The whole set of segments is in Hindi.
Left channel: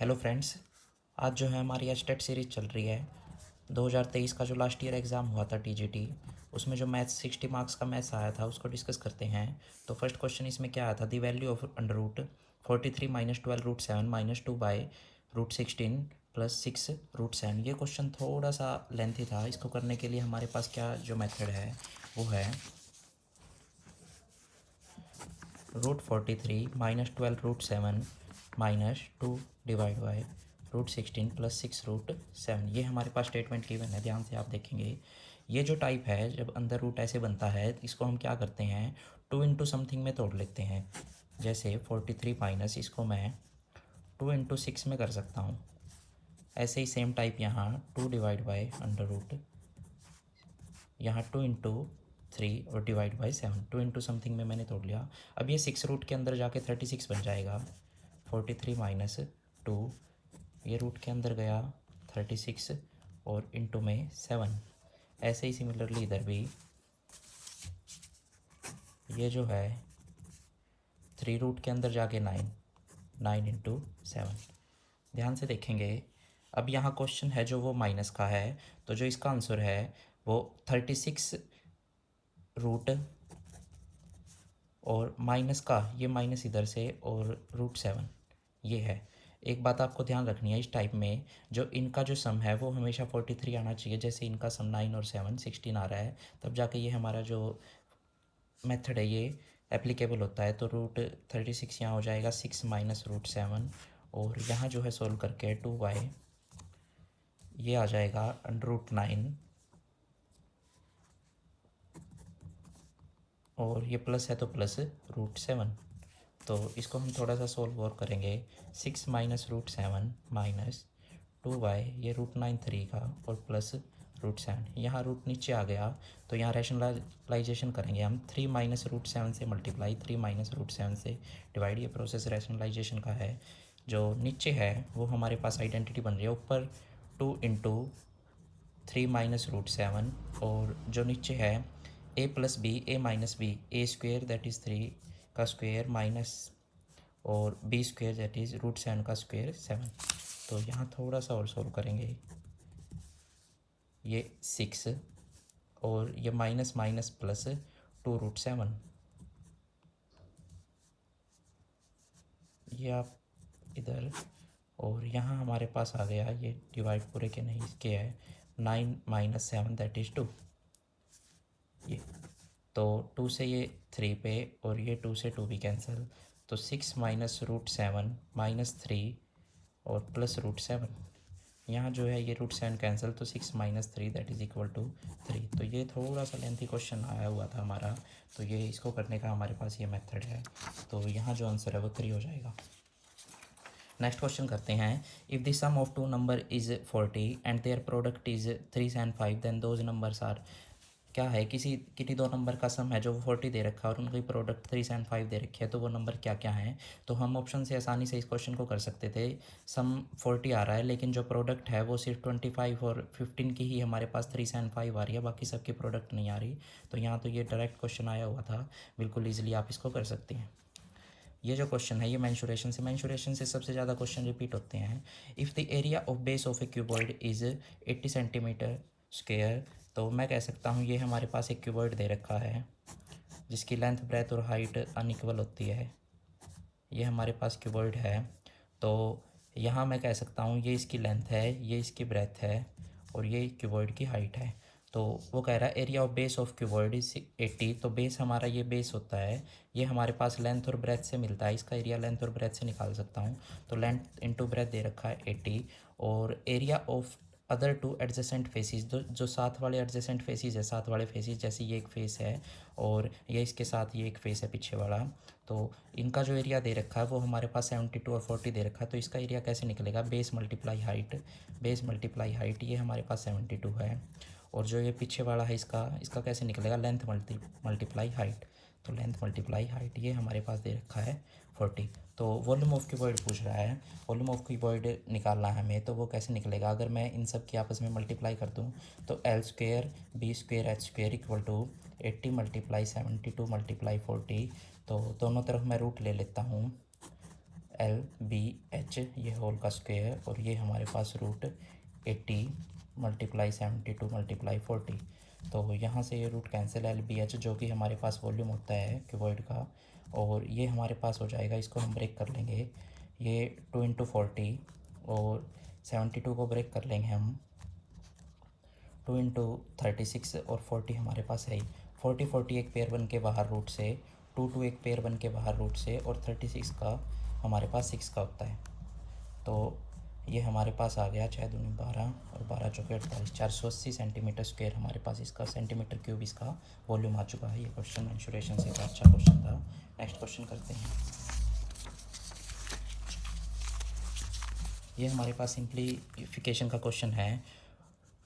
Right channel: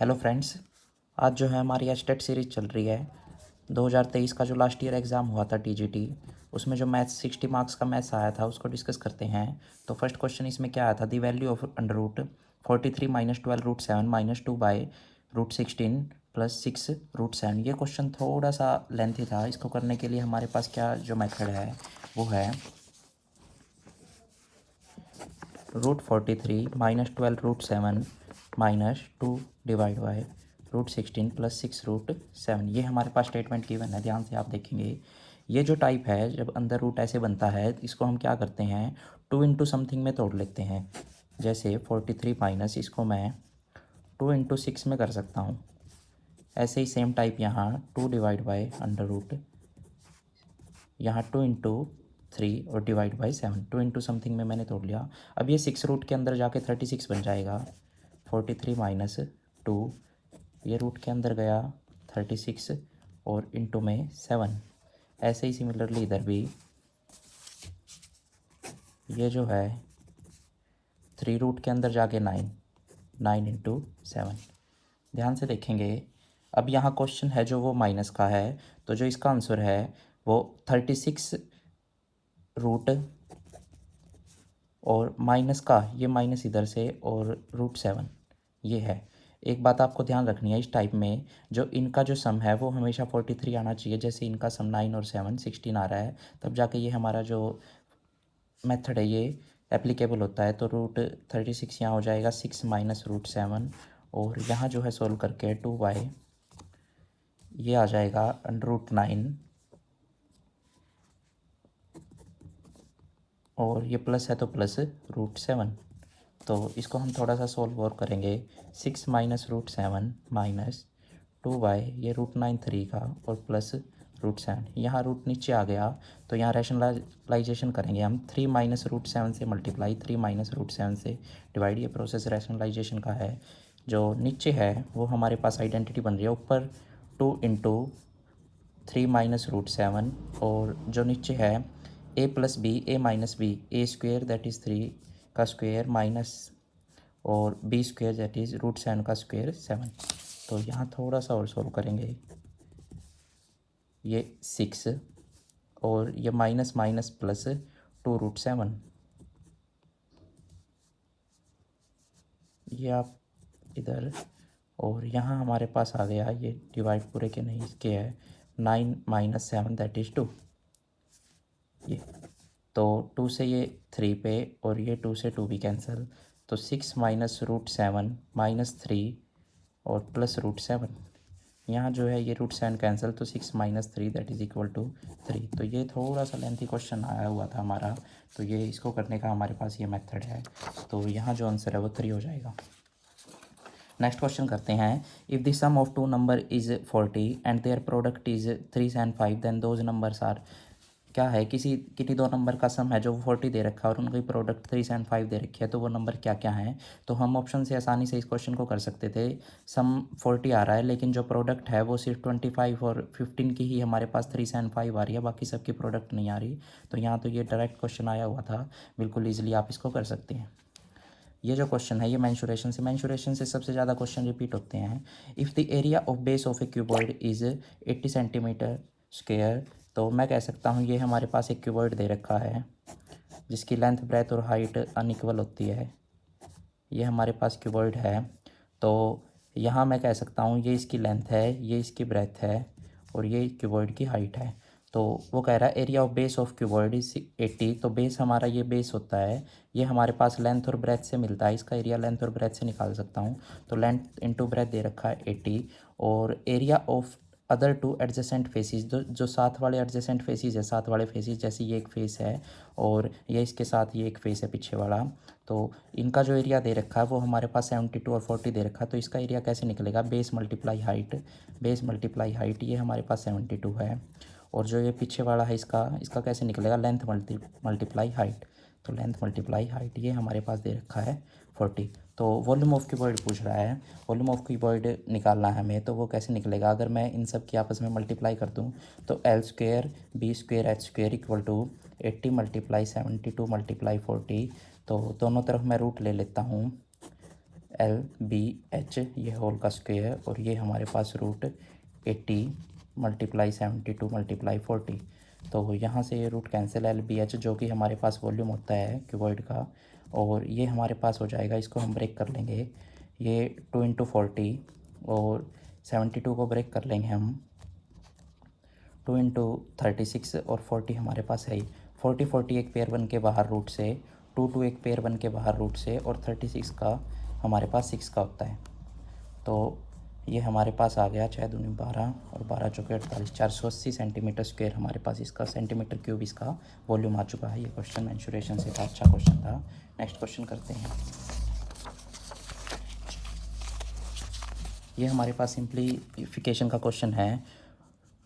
Hello friends. आज जो है हमारी एस्टेट सीरीज़ चल रही है। 2023 का जो लास्ट ईयर एग्ज़ाम हुआ था टीजीटी, उसमें जो मैथ्स 60 मार्क्स का मैथ्स आया था उसको डिस्कस करते हैं। तो फर्स्ट क्वेश्चन इसमें क्या आया था, the value of under root 43 minus 12 root 7 minus 2 by root 16 plus 6 root 7। ये क्वेश्चन थोड़ा सा लेंथी था। इसको करने के लिए हमारे पास क्या जो मेथड है वो है √43 minus 12 root 7 minus 2 divide by root 16 plus 6 root 7। ये हमारे पास स्टेटमेंट गिवन है, ध्यान से आप देखेंगे। ये जो टाइप है, जब अंदर रूट ऐसे बनता है, इसको हम क्या करते हैं, 2 इंटू समथिंग में तोड़ लेते हैं। जैसे 43 माइनस, इसको मैं 2 इंटू 6 में कर सकता हूँ। ऐसे ही सेम टाइप यहाँ 2 डिवाइड बाई अंडर रूट, यहाँ 2 इंटू 3 और डिवाइड बाई 7। 2 इंटू समथिंग में मैंने तोड़ लिया। अब ये 6 रूट के अंदर जाके 36 बन जाएगा। 43 माइनस 2, ये रूट के अंदर गया 36 और इंटू में 7। ऐसे ही सिमिलरली इधर भी ये जो है 3 रूट के अंदर जाके 9 इंटू 7। ध्यान से देखेंगे। अब यहाँ क्वेश्चन है जो वो माइनस का है, तो जो इसका आंसर है वो 36 रूट और माइनस का, ये माइनस इधर से और रूट 7 ये है। एक बात आपको ध्यान रखनी है, इस टाइप में जो इनका जो सम है वो हमेशा 43 आना चाहिए। जैसे इनका सम 9 और 7 16 आ रहा है, तब जाके ये हमारा जो मेथड है ये एप्लीकेबल होता है। तो √36 यहाँ हो जाएगा 6 माइनस रूट 7, और यहाँ जो है सोल्व करके 2 बाई ये आ जाएगा √9, और ये प्लस है तो प्लस रूट 7। तो इसको हम थोड़ा सा सोल्व और करेंगे। 6 माइनस रूट 7 माइनस 2 बाई ये √9 3 का और प्लस रूट 7। यहाँ रूट नीचे आ गया तो यहाँ रैशनलाइजेशन करेंगे हम। 3 माइनस रूट 7 से मल्टीप्लाई, 3 माइनस रूट 7 से डिवाइड। ये प्रोसेस रैशनलाइजेशन का है। जो नीचे है वो हमारे पास आइडेंटिटी बन रही है। ऊपर 2 इंटू 3 माइनस रूट 7, और जो नीचे है A plus B, A minus B, A square that is 3 का स्क्वेयर माइनस और B square that is root 7 का स्क्वेयर 7। तो यहाँ थोड़ा सा और सॉल्व करेंगे। ये 6 और ये माइनस माइनस प्लस 2 रूट 7। ये आप इधर, और यहाँ हमारे पास आ गया, ये डिवाइड पूरे के नहीं इसके है, 9 माइनस 7 दैट इज़ 2। ये तो 2 से ये 3 पे, और ये 2 से 2 भी कैंसिल। तो 6 माइनस रूट 7 माइनस 3 और प्लस रूट 7। यहाँ जो है ये रूट 7 कैंसिल, तो 6 minus 3 that is equal to 3। तो ये थोड़ा सा लेंथी क्वेश्चन आया हुआ था हमारा, तो ये इसको करने का हमारे पास ये मेथड है। तो यहाँ जो आंसर है वो 3 हो जाएगा। नेक्स्ट क्वेश्चन करते हैं। If the sum of two number is 40 and their product is 3 and 5 then those numbers are. क्या है, किसी दो नंबर का सम है जो 40 दे रखा है और उनकी प्रोडक्ट 3 and 5 दे रखी है, तो वो नंबर क्या क्या हैं। तो हम ऑप्शन से आसानी से इस क्वेश्चन को कर सकते थे। सम 40 आ रहा है, लेकिन जो प्रोडक्ट है वो सिर्फ 25 और 15 की ही हमारे पास 3 and 5 आ रही है, बाकी सबकी प्रोडक्ट नहीं आ रही। तो यहाँ तो ये डायरेक्ट क्वेश्चन आया हुआ था, बिल्कुल ईजिली आप इसको कर सकते हैं। ये जो क्वेश्चन है ये मैंशुरेशन से सबसे ज़्यादा क्वेश्चन रिपीट होते हैं। If the area of base of A cuboid is 80 centimetre square, तो मैं कह सकता हूँ ये हमारे पास एक क्यूबॉइड दे रखा है जिसकी लेंथ, ब्रेथ और हाइट अनइक्वल होती है। ये हमारे पास क्यूबॉइड है, तो यहाँ मैं कह सकता हूँ ये इसकी लेंथ है, ये इसकी ब्रेथ है, और ये क्यूबॉइड की हाइट है। तो वो कह रहा है area of base of cuboid is 80। तो बेस हमारा ये बेस होता है, ये हमारे पास लेंथ और ब्रेथ से मिलता है। इसका एरिया लेंथ और ब्रेथ से निकाल सकता हूँ। तो लेंथ इंटू ब्रेथ दे रखा है 80, और area of other two adjacent faces, जो साथ वाले एडजेसेंट फेसिस है, साथ वाले फेसिस, जैसे ये एक फेस है और ये इसके साथ ये एक फेस है पीछे वाला, तो इनका जो एरिया दे रखा है वो हमारे पास 72 और 40 दे रखा है। तो इसका एरिया कैसे निकलेगा, base multiply height, base multiply height, ये हमारे पास 72 है। और जो ये पीछे वाला है इसका कैसे निकलेगा, लेंथ मल्टीप्लाई हाइट। तो लेंथ मल्टीप्लाई हाइट ये हमारे पास दे रखा है 40। तो वॉल्यूम ऑफ क्यूबॉइड पूछ रहा है, वॉल्यूम ऑफ क्यूबॉइड निकालना है हमें, तो वो कैसे निकलेगा। अगर मैं इन सब की आपस में मल्टीप्लाई कर दूँ तो L square B square H square equal to 80 multiply 72 multiply 40। तो दोनों तरफ मैं रूट ले लेता हूँ। LBH ये होल का स्क्वायर, और ये हमारे पास रूट 80 मल्टीप्लाई 72 मल्टीप्लाई 40। तो यहाँ से ये रूट कैंसिल, LBH जो कि हमारे पास वॉल्यूम होता है क्यूबॉइड का, और ये हमारे पास हो जाएगा, इसको हम ब्रेक कर लेंगे, ये 2 × 40 और 72 को ब्रेक कर लेंगे हम 2 × 36 और 40 हमारे पास है ही। 40 एक पेयर बन के बाहर रूट से, 2 एक पेयर बन के बाहर रूट से, और 36 का हमारे पास 6 का होता है। तो ये हमारे पास आ गया 6 दूनी 12 और 12 चौके 48, 480 सेंटीमीटर स्क्वायर हमारे पास इसका सेंटीमीटर क्यूब इसका वॉल्यूम आ चुका है। ये क्वेश्चन मेंसुरेशन से का अच्छा क्वेश्चन था। नेक्स्ट क्वेश्चन करते हैं। ये हमारे पास सिंप्लीफिकेशन का क्वेश्चन है।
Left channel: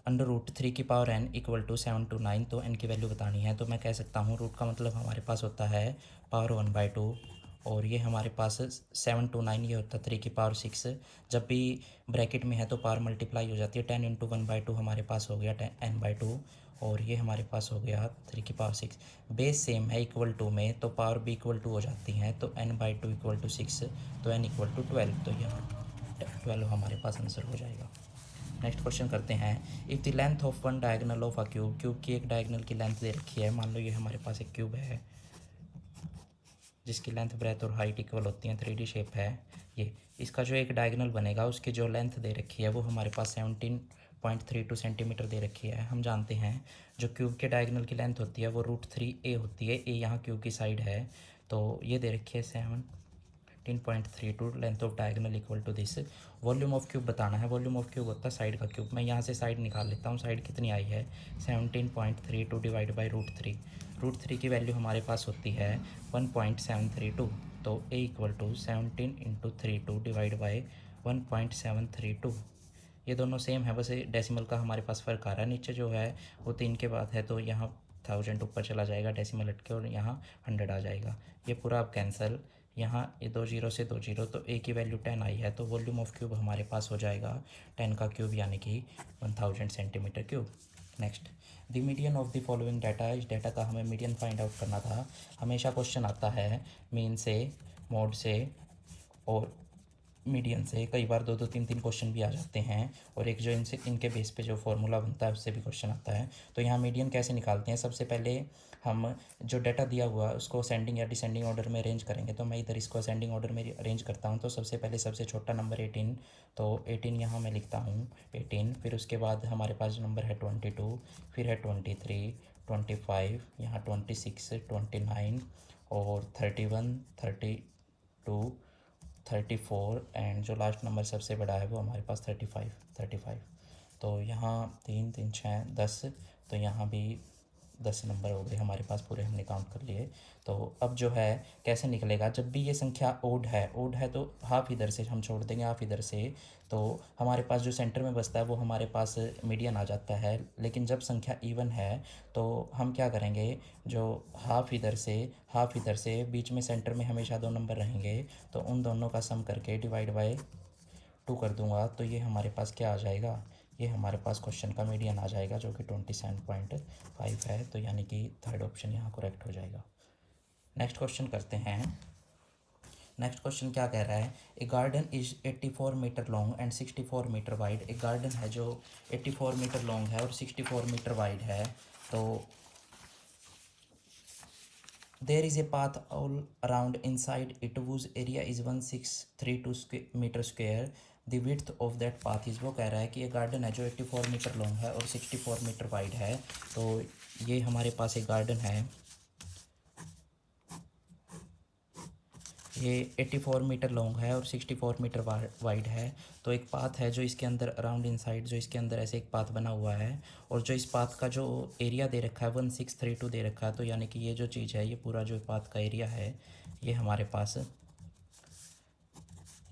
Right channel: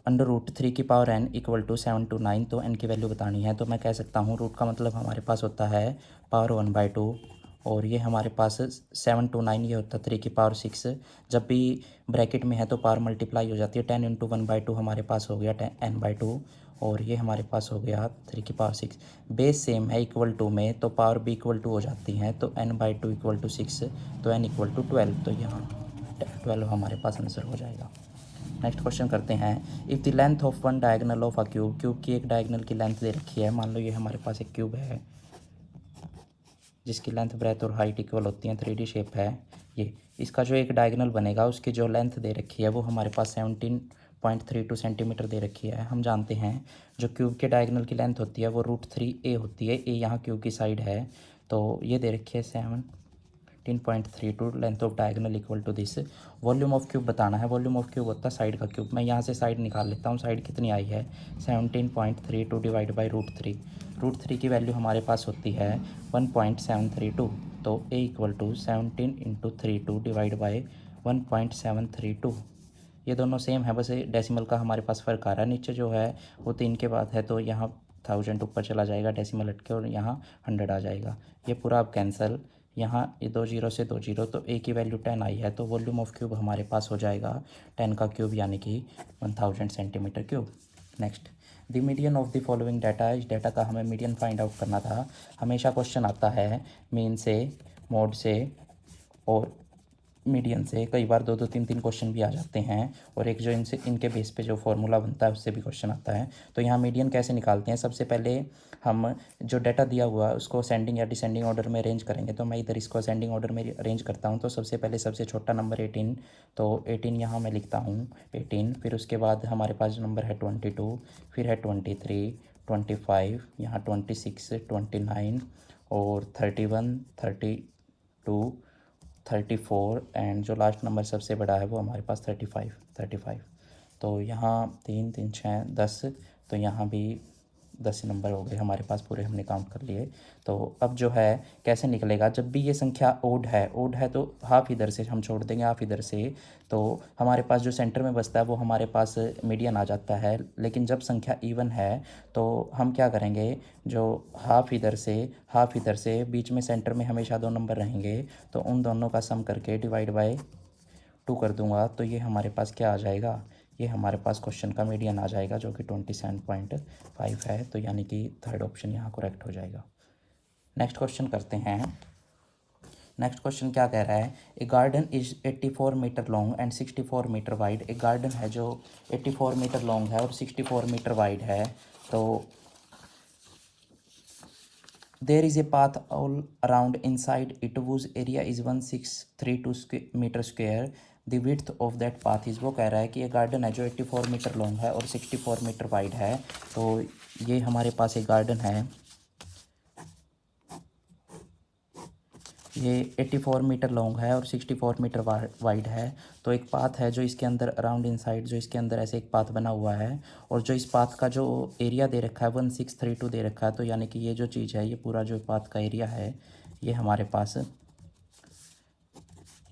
√3 की पावर n = 7 to 9, तो n की वैल्यू बतानी है। तो मैं कह सकता हूँ रूट का मतलब हमारे पास होता है पावर 1/2, और ये हमारे पास 7 to 9 ये होता है 3 की पावर 6। जब भी ब्रैकेट में है तो पावर मल्टीप्लाई हो जाती है। 10 × 1/2 हमारे पास हो गया n/2, और ये हमारे पास हो गया 3 की पावर 6। बेस सेम है इक्वल टू में, तो पावर भी इक्वल टू हो जाती हैं। तो n/2 = 6, तो n = 12, तो यहाँ 12 हमारे पास आंसर हो जाएगा। नेक्स्ट क्वेश्चन करते हैं। If the length of one diagonal of a cube, cube की एक डायगनल की लेंथ दे रखी है। मान लो ये हमारे पास एक क्यूब है जिसकी लेंथ, ब्रेथ और हाइट इक्वल होती हैं, 3D शेप है ये। इसका जो एक डायगनल बनेगा उसकी जो लेंथ दे रखी है वो हमारे पास 17.32 सेंटीमीटर दे रखी है। हम जानते हैं जो क्यूब के डायगनल की लेंथ होती है वो √3a होती है। ए यहाँ क्यूब की साइड है, तो ये दे रखी है 17.32 length of diagonal equal to this. Volume of cube बताना है। वॉल्यूम ऑफ क्यूब होता है साइड का क्यूब। मैं यहाँ से साइड निकाल लेता हूँ। साइड कितनी आई है 17.32 डिवाइड बाई √3। √3 की वैल्यू हमारे पास होती है 1.732, तो A = 17 × 32 डिवाइड बाई 1.732। ये दोनों सेम है, बस डेसिमल का हमारे पास फ़र्क आ रहा है। नीचे जो है वो 3 के बाद है, तो यहाँ 1000 ऊपर चला जाएगा डेसिमल हट के, और यहाँ 100 आ जाएगा। ये पूरा अब कैंसिल, यहाँ ये 2 0 से 2 0, तो A की वैल्यू 10 आई है। तो वॉल्यूम ऑफ क्यूब हमारे पास हो जाएगा 10 का क्यूब, यानी कि 1000 centimetre cube. Next, the median of the following data. इस डाटा का हमें मीडियन फाइंड आउट करना था। हमेशा क्वेश्चन आता है मीन से, मोड से और मीडियन से। कई बार 2 2 3 3 क्वेश्चन भी आ जाते हैं, और एक जो इनके बेस पे जो फॉर्मूला बनता है उससे भी क्वेश्चन आता है। तो यहाँ मीडियन कैसे निकालते हैं? सबसे पहले हम जो डाटा दिया हुआ है उसको असेंडिंग या डिसेंडिंग ऑर्डर में अरेंज करेंगे। तो मैं इधर इसको असेंडिंग ऑर्डर में अरेंज करता हूँ। तो सबसे पहले सबसे छोटा नंबर 18, तो 18 यहाँ मैं लिखता हूँ 18। फिर उसके बाद हमारे पास जो नंबर है 22, फिर है 23, 25, यहाँ 26, 29 और 31, 32, 34, एंड जो लास्ट नंबर सबसे बड़ा है वो हमारे पास 35। तो यहाँ 3 3 6 10, तो यहाँ भी 10 नंबर हो गए हमारे पास पूरे, हमने काउंट कर लिए। तो अब जो है कैसे निकलेगा? जब भी ये संख्या ओड है तो हाफ इधर से हम छोड़ देंगे, हाफ इधर से, तो हमारे पास जो सेंटर में बचता है वो हमारे पास मीडियन आ जाता है। लेकिन जब संख्या इवन है तो हम क्या करेंगे, जो हाफ इधर से, बीच में सेंटर में हमेशा 2 नंबर रहेंगे, तो उन दोनों का सम करके डिवाइड बाय 2 कर दूंगा, तो ये हमारे पास क्या आ जाएगा, ये हमारे पास क्वेश्चन का मीडियन आ जाएगा जो कि 27.5 है। तो यानी कि थर्ड ऑप्शन यहाँ करेक्ट हो जाएगा। नेक्स्ट क्वेश्चन करते हैं। नेक्स्ट क्वेश्चन क्या कह रहा है? A garden is 84 metre long and 64 metre wide. एक गार्डन है जो 84 मीटर लॉन्ग है और 64 मीटर वाइड है। तो there is a path all around inside it whose area is 1632 meter square. The width of that path is, वो कह रहा है कि ये गार्डन है जो 84 मीटर लॉन्ग है और 64 मीटर वाइड है। तो ये हमारे पास एक गार्डन है, ये 84 मीटर लॉन्ग है और 64 मीटर वाइड है। तो एक पाथ है जो इसके अंदर अराउंड इनसाइड, जो इसके अंदर ऐसे एक पाथ बना हुआ है, और जो इस पाथ का जो एरिया दे रखा है 1632 दे रखा है। तो यानी कि ये जो चीज़ है, ये पूरा जो पाथ का एरिया है ये हमारे पास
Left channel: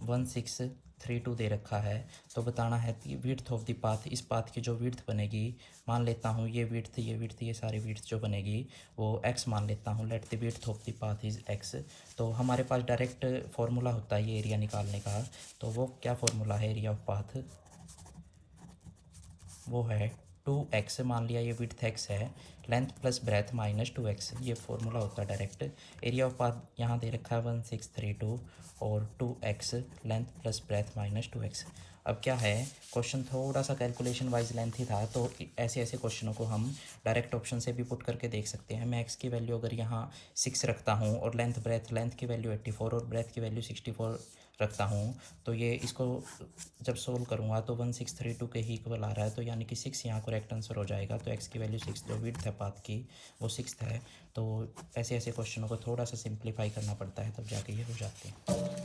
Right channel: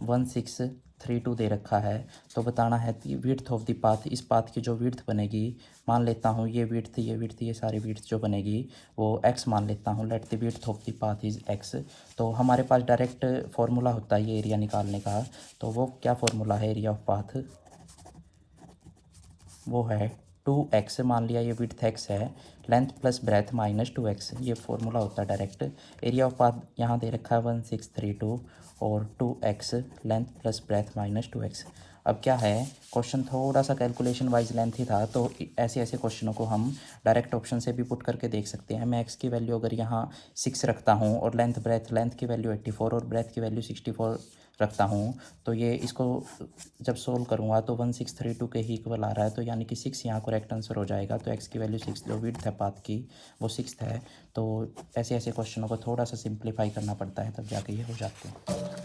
1632 दे रखा है। तो बताना है कि विड्थ ऑफ द पाथ, इस पाथ की जो विड्थ बनेगी, मान लेता हूँ ये विड्थ ये सारी विड्थ जो बनेगी वो x मान लेता हूँ। Let the width of the path is x। तो हमारे पास डायरेक्ट फार्मूला होता है ये एरिया निकालने का। तो वो क्या फार्मूला है एरिया ऑफ पाथ? वो है 2x, मान लिया ये विड्थ x है, length plus breadth minus 2x, ये फार्मूला होता है डायरेक्ट। एरिया ऑफ पाथ यहाँ दे रखा है 1632, और 2x length plus breadth minus 2x। अब क्या है, क्वेश्चन थोड़ा सा कैलकुलेशन वाइज लेंथी था, तो ऐसे ऐसे क्वेश्चनों को हम डायरेक्ट ऑप्शन से भी पुट करके देख सकते हैं। मैं x की वैल्यू अगर यहाँ 6 रखता हूँ और लेंथ की वैल्यू 84 और ब्रेथ की वैल्यू 64 रखता हूँ, तो ये इसको जब सोल्व करूँगा तो 1632 के ही इक्वल आ रहा है, तो यानी कि 6 यहाँ करेक्ट आंसर हो जाएगा। तो x की वैल्यू 6, जो विड्थ है पाथ की वो 6 है। तो ऐसे ऐसे क्वेश्चनों को थोड़ा सा सिंप्लीफाई करना पड़ता है, तब जाके ये हो जाते हैं।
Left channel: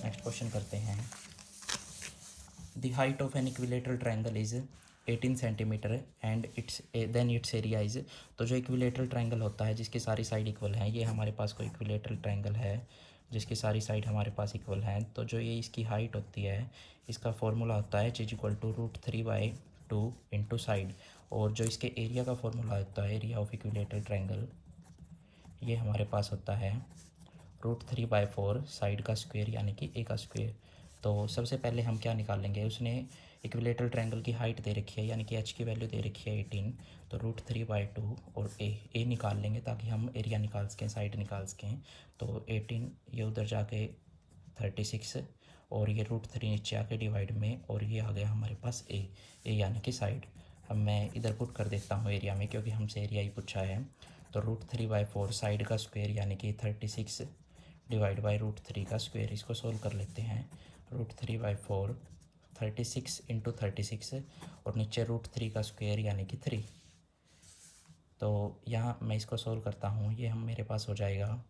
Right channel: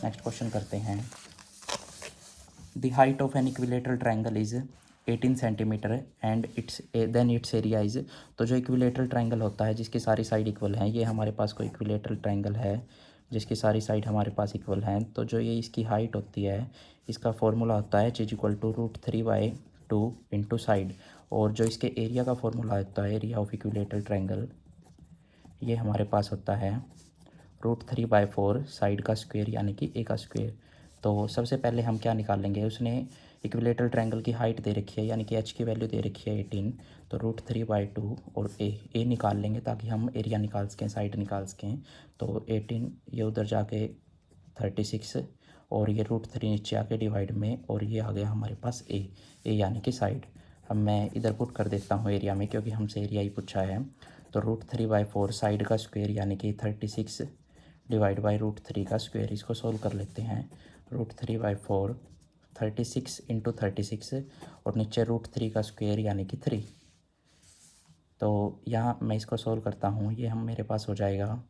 नेक्स्ट क्वेश्चन करते हैं। The height of an equilateral triangle is 18 centimetre and it's area is. तो जो इक्विलेटरल ट्राइंगल होता है जिसकी सारी साइड इक्वल हैं, ये हमारे पास कोई इक्विलेटरल ट्राइंगल है जिसकी सारी साइड हमारे पास इक्वल हैं, तो जो ये इसकी हाइट होती है, इसका फॉर्मूला होता है =√3/2 इंटू साइड। और जो इसके एरिया का फॉर्मूला होता है, एरिया ऑफ इक्विलेटरल ट्राइंगल, ये हमारे पास होता है √3/4 साइड का स्क्वायर यानी कि ए का स्क्वायर। तो सबसे पहले हम क्या निकालेंगे, उसने इक्विलेटरल ट्रायंगल की हाइट दे रखी है यानी कि एच की वैल्यू दे रखी है 18, तो √3/2 और ए निकाल लेंगे ताकि हम एरिया निकाल सकें, साइड निकाल सकें। तो 18 ये उधर जाके 36 और ये √3 नीचे आके डिवाइड में, और ये आ गया हमारे पास ए यानी कि साइड। अब मैं इधर पुट कर देता हूँ एरिया में, क्योंकि हमसे एरिया ही पूछा है। तो √3/4 साइड का स्क्वायर यानी कि 36 डिवाइड बाई √3 का स्क्वायर, इसको सोल्व कर लेते हैं। √3/4 36 इंटू 36 और नीचे √3 का स्क्वायर यानी कि 3। तो यहाँ मैं इसको सोल्व करता हूँ, ये हम मेरे पास हो जाएगा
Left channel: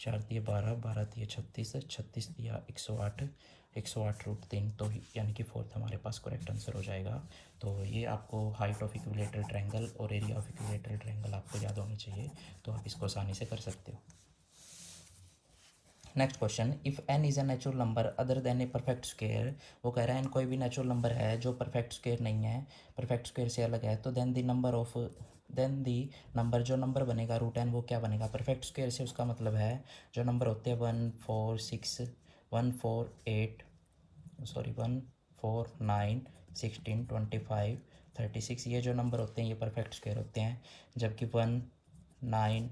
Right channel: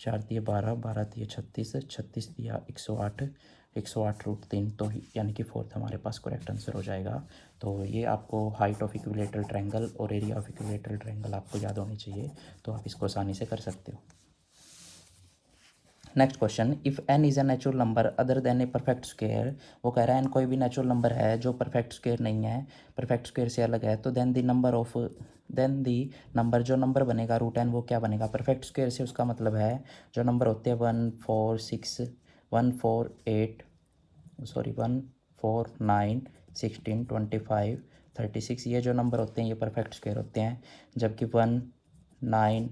4 दिए 12, 12 दिए 36, 36 दिया 108, 108√3, तो यानी कि फोर्थ हमारे पास करेक्ट आंसर हो जाएगा। तो ये आपको हाइट ऑफ इक्विलेटरल ट्रायंगल और एरिया ऑफ इक्विलेटरल ट्रायंगल आपको याद होनी चाहिए, तो आप इसको आसानी से कर सकते हो। Next question, if n is a natural number other than a perfect square. वो कह रहा है n कोई भी नेचुरल नंबर है जो परफेक्ट स्क्वायर नहीं है, परफेक्ट स्क्वायर से अलग है, तो देन दी नंबर जो नंबर बनेगा √n वो क्या बनेगा। परफेक्ट स्क्वायर से उसका मतलब है जो नंबर होते हैं 1 4 6 1 4 8 1 4 9 16 25 36, ये जो नंबर होते हैं ये परफेक्ट स्क्वायर होते हैं। जबकि 1 9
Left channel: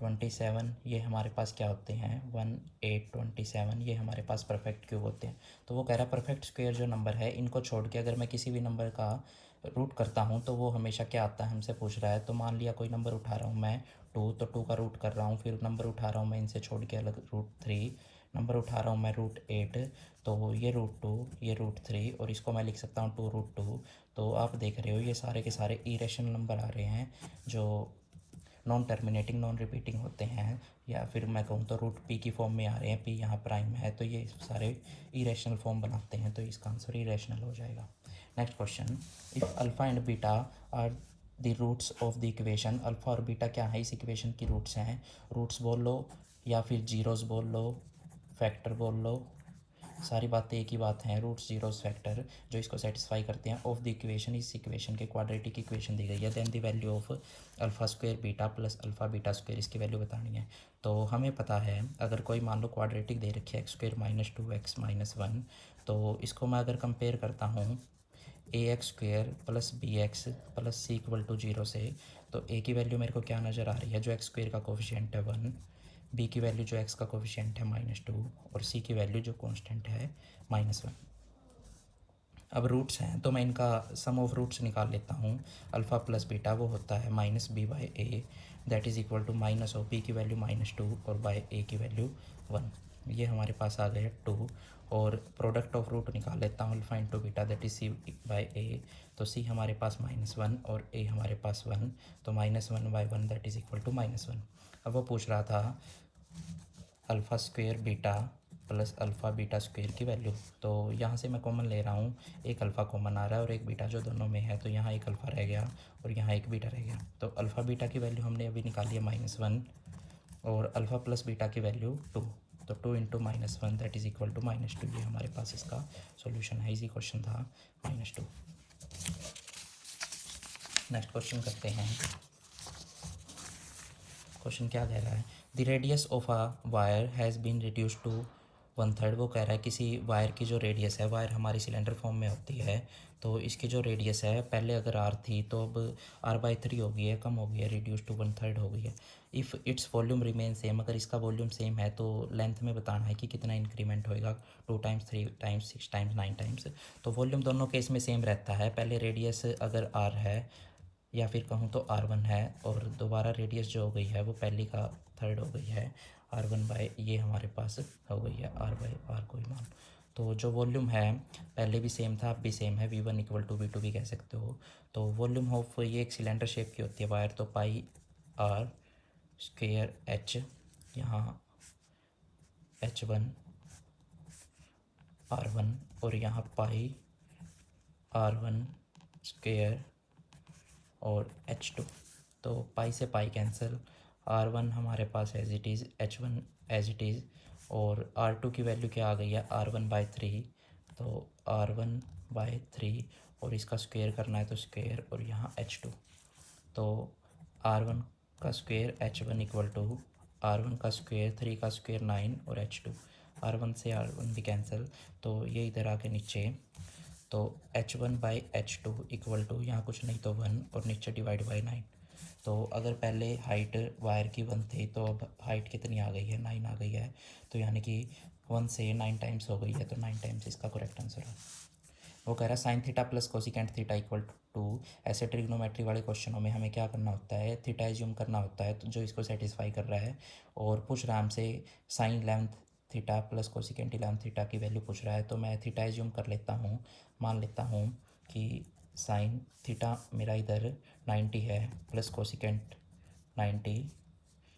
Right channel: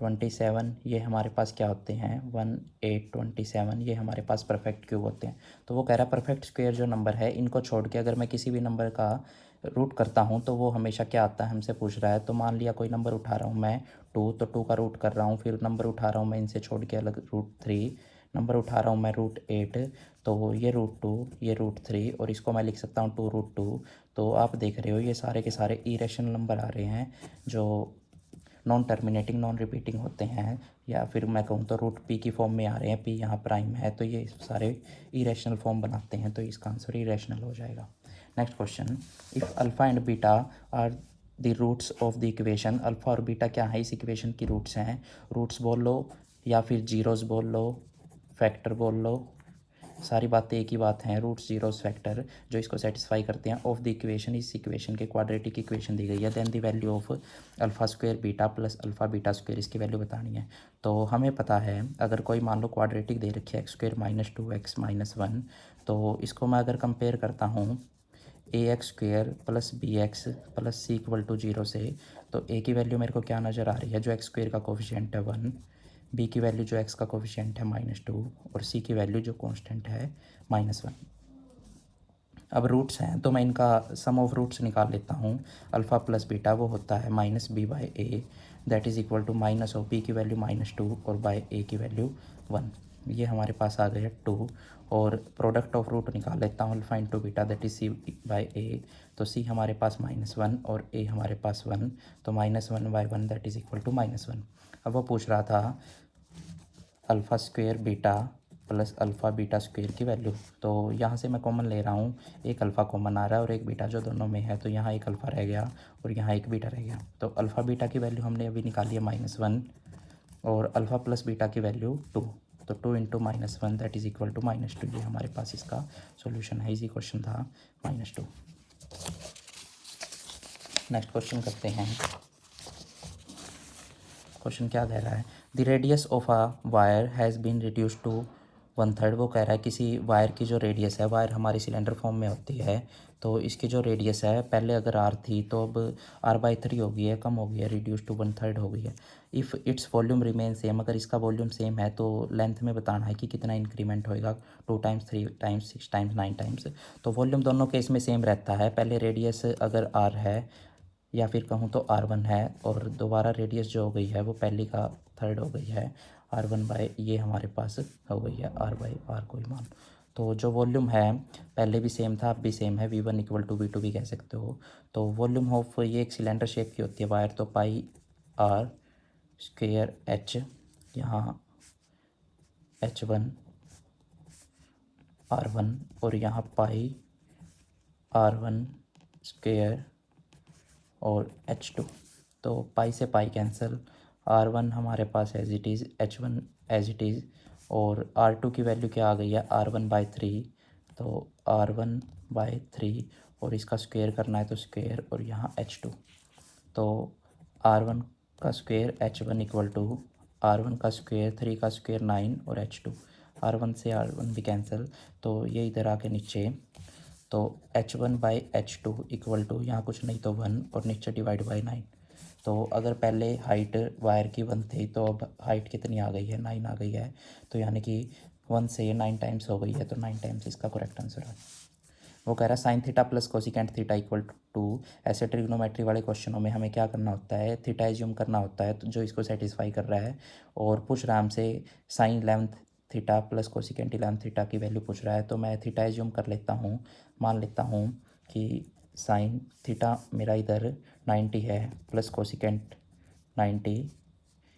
27 ये हमारे पास क्या होते हैं, 1 8 27 ये हमारे पास परफेक्ट क्यूब होते हैं। तो वो कह रहा है परफेक्ट स्क्वायर जो नंबर है इनको छोड़ के अगर मैं किसी भी नंबर का रूट करता हूँ तो वो हमेशा क्या आता है, हमसे पूछ रहा है। तो मान लिया कोई नंबर उठा रहा हूँ मैं 2, तो 2 का रूट कर रहा हूँ, फिर नंबर उठा रहा हूँ मैं इनसे छोड़ के अलग √3, नंबर उठा रहा हूँ मैं √8, तो ये √2 ये √3 और इसको मैं लिख सकता हूँ 2√2। तो आप देख रहे हो ये सारे के सारे इरेशनल नंबर आ रहे हैं जो नॉन टर्मिनेटिंग नॉन रिपीटिंग होते हैं, या फिर मैं कहूँ तो √p की फॉर्म में आ रहे हैं, p यहाँ प्राइम है, तो ये सारे इरेशनल फॉर्म बनाते हैं, तो इसका आंसर इरेशनल हो जाएगा। Next question, if alpha and beta are the roots of the equation. Alpha और बीटा क्या है, इस इक्वेशन की रूट्स हैं। रूट्स बोल लो या फिर जीरोस बोल लो, फैक्टर बोल लो, सारी बातें एक ही बात हैं। रूट्स जीरोस फैक्टर जो इसको सेटिस्फाई करते हैं ऑफ द इक्वेशन, इस इक्वेशन के क्वाड्रेटिक इक्वेशन दी गई है। Then the value of alpha square beta plus alpha beta square, इसकी वैल्यू बतानी है। तो हमें पता है अगर कोई मान लो क्वाड्रेटिक दे रखी है x² - 2x - 1, तो इसको मैं अगर कंपेयर करता हूँ ax² + bx + c = 0 से, तो a की वैल्यू मेरे को क्या नज़र आ रही है, जो x² का कोफिशिएंट है 1, b की वैल्यू जो x का कोफिशिएंट है -2 और c की वैल्यू जो कांस्टेंट है -1। अब रूट्स हैं तो मैं इनका सम ऑफ रूट्स निकाल लेता हूँ। अल्फ़ा प्लस बीटा वो होता है -b/a, that is equal to minus of b की वैल्यू -2 और बाय a की वैल्यू 1। ये हमारे पास आ गया 2, और प्रोडक्ट ऑफ रूट निकाल लेता हूँ alpha into beta, that is c/a। तो c हमारे पास -1 और a हमारे पास 1, तो -1/1 दैट इज़ इक्वल टू -1। अब वो पूछ रहा था alpha square beta plus alpha beta square की वैल्यू। तो यहाँ से मैं कॉमन ले रहा हूँ, एक अल्फ़ा कॉमन आ रहा है और एक बीटा जो दोनों में है, तो यहाँ एक अल्फ़ा रह गया और यहाँ एक बीटा रह गया। तो अल्फ़ा बीटा की वैल्यू हमने अभी निकाली है -1 और अल्फ़ा प्लस बीटा की वैल्यू 2, तो 2 into -1 that is equal to -2। ये हमारे पास इसका सॉल्यूशन है, इजी क्वेश्चन था -2। नेक्स्ट क्वेश्चन करते हैं। क्वेश्चन क्या कह रहा है, the radius of a wire has been reduce to 1/3 वो कह रहा है किसी वायर की जो रेडियस है, वायर हमारी सिलेंडर फॉर्म में होती है, तो इसकी जो रेडियस है पहले अगर r थी तो अब r/3 हो गई है, कम हो गई है, रिड्यूस टू 1/3 हो गई है। If its volume remain same, अगर इसका वॉल्यूम सेम है तो लेंथ में बताना है कि कितना इंक्रीमेंट होएगा, 2 टाइम्स 3 टाइम्स 6 टाइम्स 9 टाइम्स। तो वॉल्यूम दोनों केस में सेम रहता है, पहले रेडियस अगर r है या फिर कहूँ तो r1 है और दोबारा रेडियस जो हो गई है वो पहली का थर्ड हो गई है, r1 बाय ये हमारे पास हो गई है r/r कोई मान। तो जो वॉल्यूम है पहले भी सेम था, अब भी सेम है, v1 इक्वल टू v2 भी कह सकते हो। तो वॉल्यूम ऑफ ये एक सिलेंडर शेप की होती है वायर, तो पाई r स्क्वेयर h, यहाँ h1 r1 और यहाँ पाई r1 स्क्वेयर और h2। तो पाई से पाई कैंसिल, r1 हमारे पास as it is, h1 as it is, और r2 की वैल्यू क्या आ गई है, r1/3, तो r1/3 और इसका स्क्वायर करना है तो स्क्वायर और यहाँ h2। तो r1 का square h1 equal to r1 का स्क्वायर 3 का स्क्वायर 9 और h2, r1 से r1 भी कैंसिल, तो ये इधर आके नीचे, तो h1/h2 इक्वल टू यहाँ कुछ नहीं तो 1 और नीचे डिवाइड बाई 9। तो अगर पहले हाइट वायर की 1 थी तो अब हाइट कितनी आ गई है, 9 आ गई है, तो यानी कि 1 से 9 टाइम्स हो गई है, तो 9 टाइम्स इसका करेक्ट आंसर है। वो कह रहा है sine theta plus cosecant theta equal to, ऐसे ट्रिग्नोमेट्री वाले क्वेश्चनों में हमें क्या करना होता है, थीटा एज्यूम करना होता है, तो जो इसको सेटिस्फाई कर रहा है, और पूछ रहा है हमसे sine 11 theta plus cosecant 11 theta की वैल्यू पूछ रहा है, तो मैं थीटा एज्यूम कर लेता हूँ, मान लेता हूँ कि साइन थीटा मेरा इधर 90 है प्लस कोसिकेंट 90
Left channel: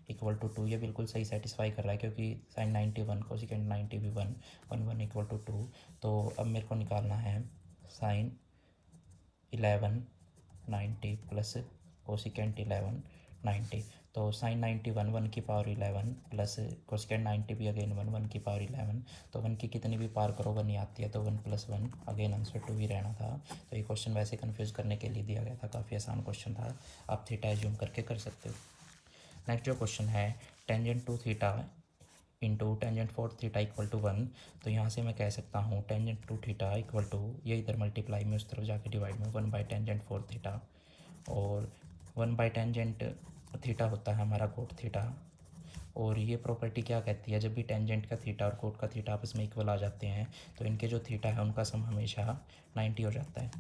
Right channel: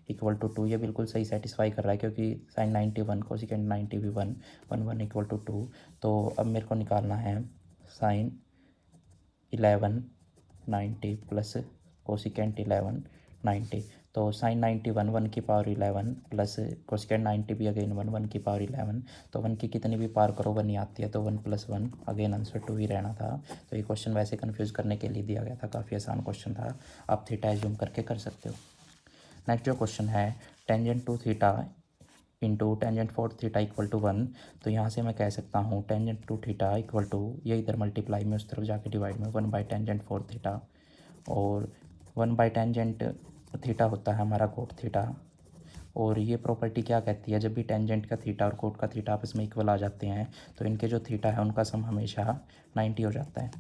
इक्वल टू 2, ये बिल्कुल सही सेटिस्फाई कर रहा है क्योंकि साइन 91 कोसिकेंट 90 भी 1 1 1 इक्वल टू 2। तो अब मेरे को निकालना है साइन 11 90 प्लस कोसिकेंट 11 90, तो साइन 91 1 की पावर 11 प्लस कोसिकेंट 90 भी अगेन 1 1 की पावर 11, तो 1 की कितनी भी पावर करो 1 ही आती है, तो 1 + 1 अगेन आंसर 2 ही रहना था। तो ये क्वेश्चन वैसे कन्फ्यूज़ करने के लिए दिया गया था, काफ़ी आसान क्वेश्चन था, आप थीटा एज्यूम करके कर सकते हो। नेक्स्ट जो क्वेश्चन है, tangent two theta into tangent four theta equal to 1, तो यहाँ से मैं कह सकता हूँ tangent two theta equal to, ये इधर मल्टीप्लाई में उस तरफ जाके डिवाइड में 1/टेंजेंट फोर थीटा, और 1/टेंजेंट थीटा होता है हमारा कोट थीटा। और ये प्रॉपर्टी क्या कहती है, जब भी टेंजेंट का थीटा और कोट का थीटा आपस में इक्वल आ जाते हैं तो इनके जो थीटा है उनका सम हमेशा 90 हो जाता है।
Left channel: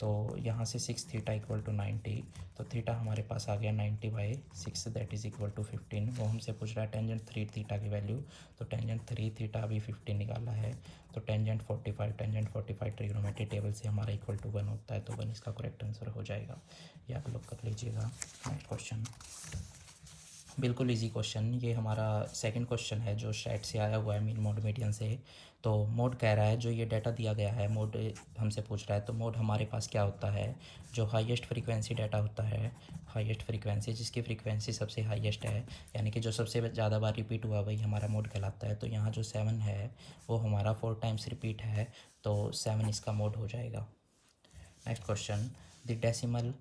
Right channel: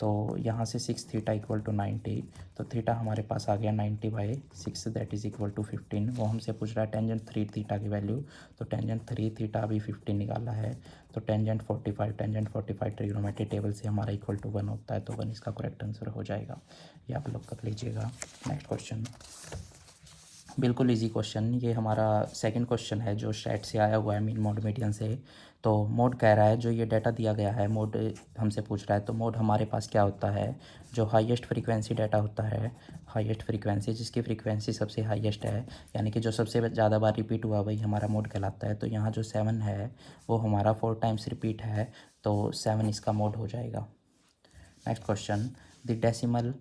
तो यहाँ से 6 थीटा इक्वल टू 90, तो थीटा हमारे पास आ गया 90/6 दैट इज़ इक्वल टू 15। वो हमसे पूछ रहा है टेंजेंट 3 थीटा की वैल्यू, तो टेंजेंट 3 थीटा भी 15 निकाला है, तो टेंजेंट 45 ट्रिग्नोमेट्री टेबल से हमारा इक्वल टू 1 होता है, तो 1 इसका करेक्ट आंसर हो जाएगा, ये आप लोग कर लीजिएगा। नेक्स्ट क्वेश्चन, बिल्कुल इजी क्वेश्चन, ये हमारा सेकंड क्वेश्चन है जो स्टैट से आया हुआ है, मीन मोड मीडियन से। तो मोड कह रहा है, जो ये डाटा दिया गया है मोड हमसे पूछ रहा है, तो मोड हमारे पास क्या होता है, जो हाईएस्ट फ्रीक्वेंसी डाटा होता है, हाईएस्ट फ्रीक्वेंसी जिसकी फ्रीक्वेंसी सबसे हाईएस्ट है, यानी कि जो सबसे ज़्यादा बार रिपीट हुआ वही हमारा मोड कहलाता है। तो यहाँ जो 7 है वो हमारा 4 टाइम्स रिपीट है, तो 7 इसका मोड हो जाएगा। Next question, the decimal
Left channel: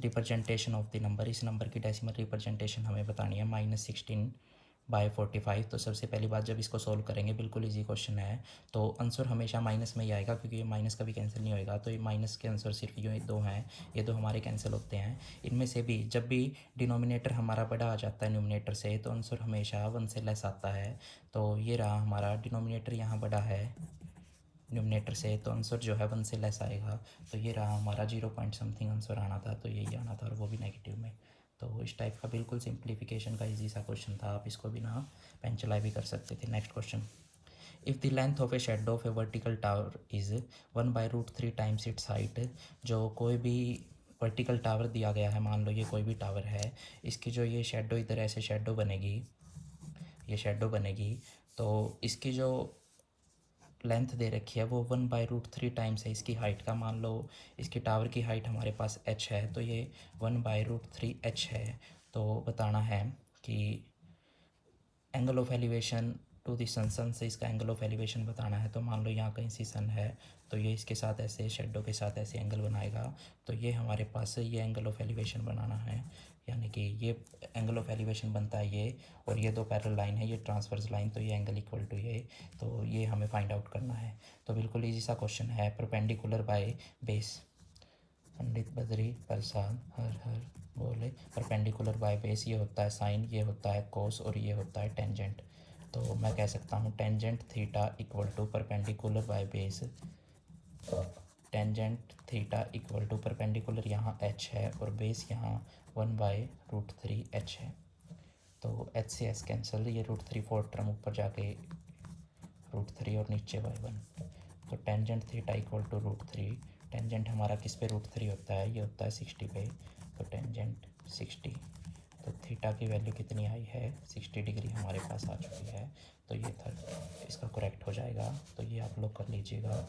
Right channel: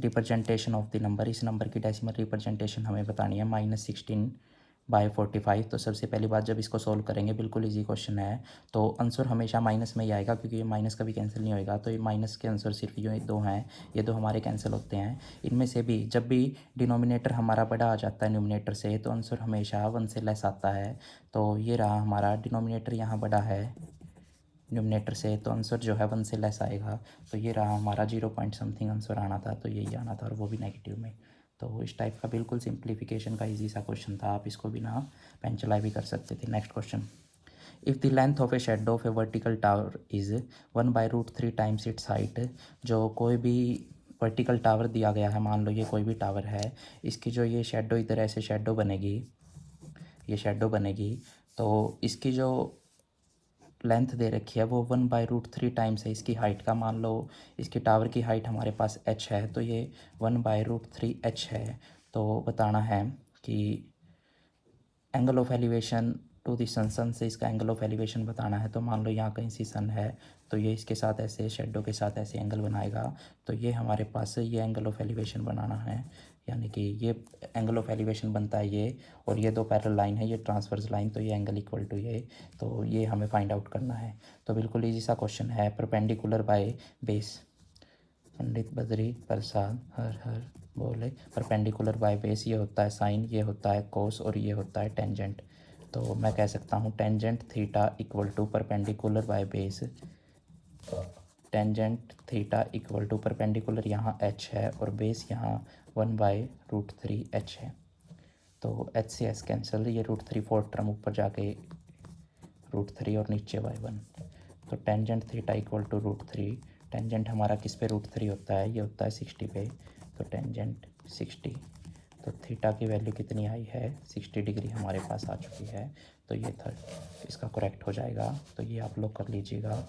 representation of the number, इस नंबर की डेसिमल रिप्रेजेंटेशन हमें बतानी है, -16/45। तो सबसे पहली बात, जब इसको सोल्व करेंगे, बिल्कुल इजी क्वेश्चन है, तो आंसर हमेशा माइनस में ही आएगा क्योंकि ये माइनस कभी कैंसिल नहीं होएगा, तो ये माइनस के आंसर सिर्फ ये दो हैं, ये दो हमारे कैंसिल होते हैं। इनमें से भी जब भी डिनोमिनेटर हमारा बड़ा आ जाता है न्यूमिनेटर से, तो आंसर हमेशा 1 से लेस आता है। तो ये रहा हमारा डिनोमिनेटर यहाँ बड़ा है न्यूमिनेटर से, तो आंसर जो है 1 से लेस आएगा, तो ये रहा हमारा 0 पॉइंट समथिंग आंसर आना था, तो यही आना था, और वो भी नेगेटिव में। तो इस टाइप का बिल्कुल सिंप्लीफिकेशन का इजी सा क्वेश्चन था, आप इसको बिना पेन चलाए भी कर सकते थे। Next question, if the length of a shadow of A vertical tower is 1/√3 times it's height, जो कोई भी वर्टिकल टावर दिया गया है, मान लो ये कोई भी टावर है, इसकी जो ये शेडो इधर ऐसे शेडो बनेगी, ये शेडो बनेगी, तो इसकी जो लेंथ दे रखी है वो 1/√3 टाइम्स है इसकी हाइट का। मान लो इसकी टावर की हाइट हमारे पास h है, तो ये 1/√3h है। तो बताना है कि angle of elevation to the sun से इसका एंगल ऑफ एलिवेशन बताना है। तो मान लो यहाँ कहीं सी सन है, तो ये इसके साथ ऐसे शेडो के साथ ऐसे एंगल बनाएगा, तो ये हमारे पास ये एंगल ऑफ एलिवेशन बनाना है, यानी कि ये एंगल ऑफ एलिवेशन बनता है ये, और ये दो पैरेलल लाइन है, ये ट्रांसवर्स लाइन, तो ये एंगल इक्वल टू ये, तो ये हमें फाइंड आउट करना है। तो बिल्कुल इजी सा क्वेश्चन है, perpendicular by base. Pandit Badri Prasad हर हर बोले, परपेंडिकुलर बाय बेस ये होता है साइन, ये होता है कोस, और ये होता है टेंजेंट। तो मैं कह सकता हूँ tangent theta equal to perpendicular by base, tangent theta equal to perpendicular यहाँ h है और बेस यहाँ 1/√3 h है। तो h से s कैंसिल, ये √3 फोर्थ टर्म ऊपर जाके √3 और नीचे y1। तो tangent theta equal to √3, tangent हमारा किस पे √3 होता है, ये होता है 60 पे, तो टेंजेंट 60। तो थीटा की वैल्यू कितनी आई है, 60 डिग्री हमारे पास आ चुकी है। तो ये था, इसका करेक्ट हो जाएगा। तो ये आप लोग कर लीजिएगा।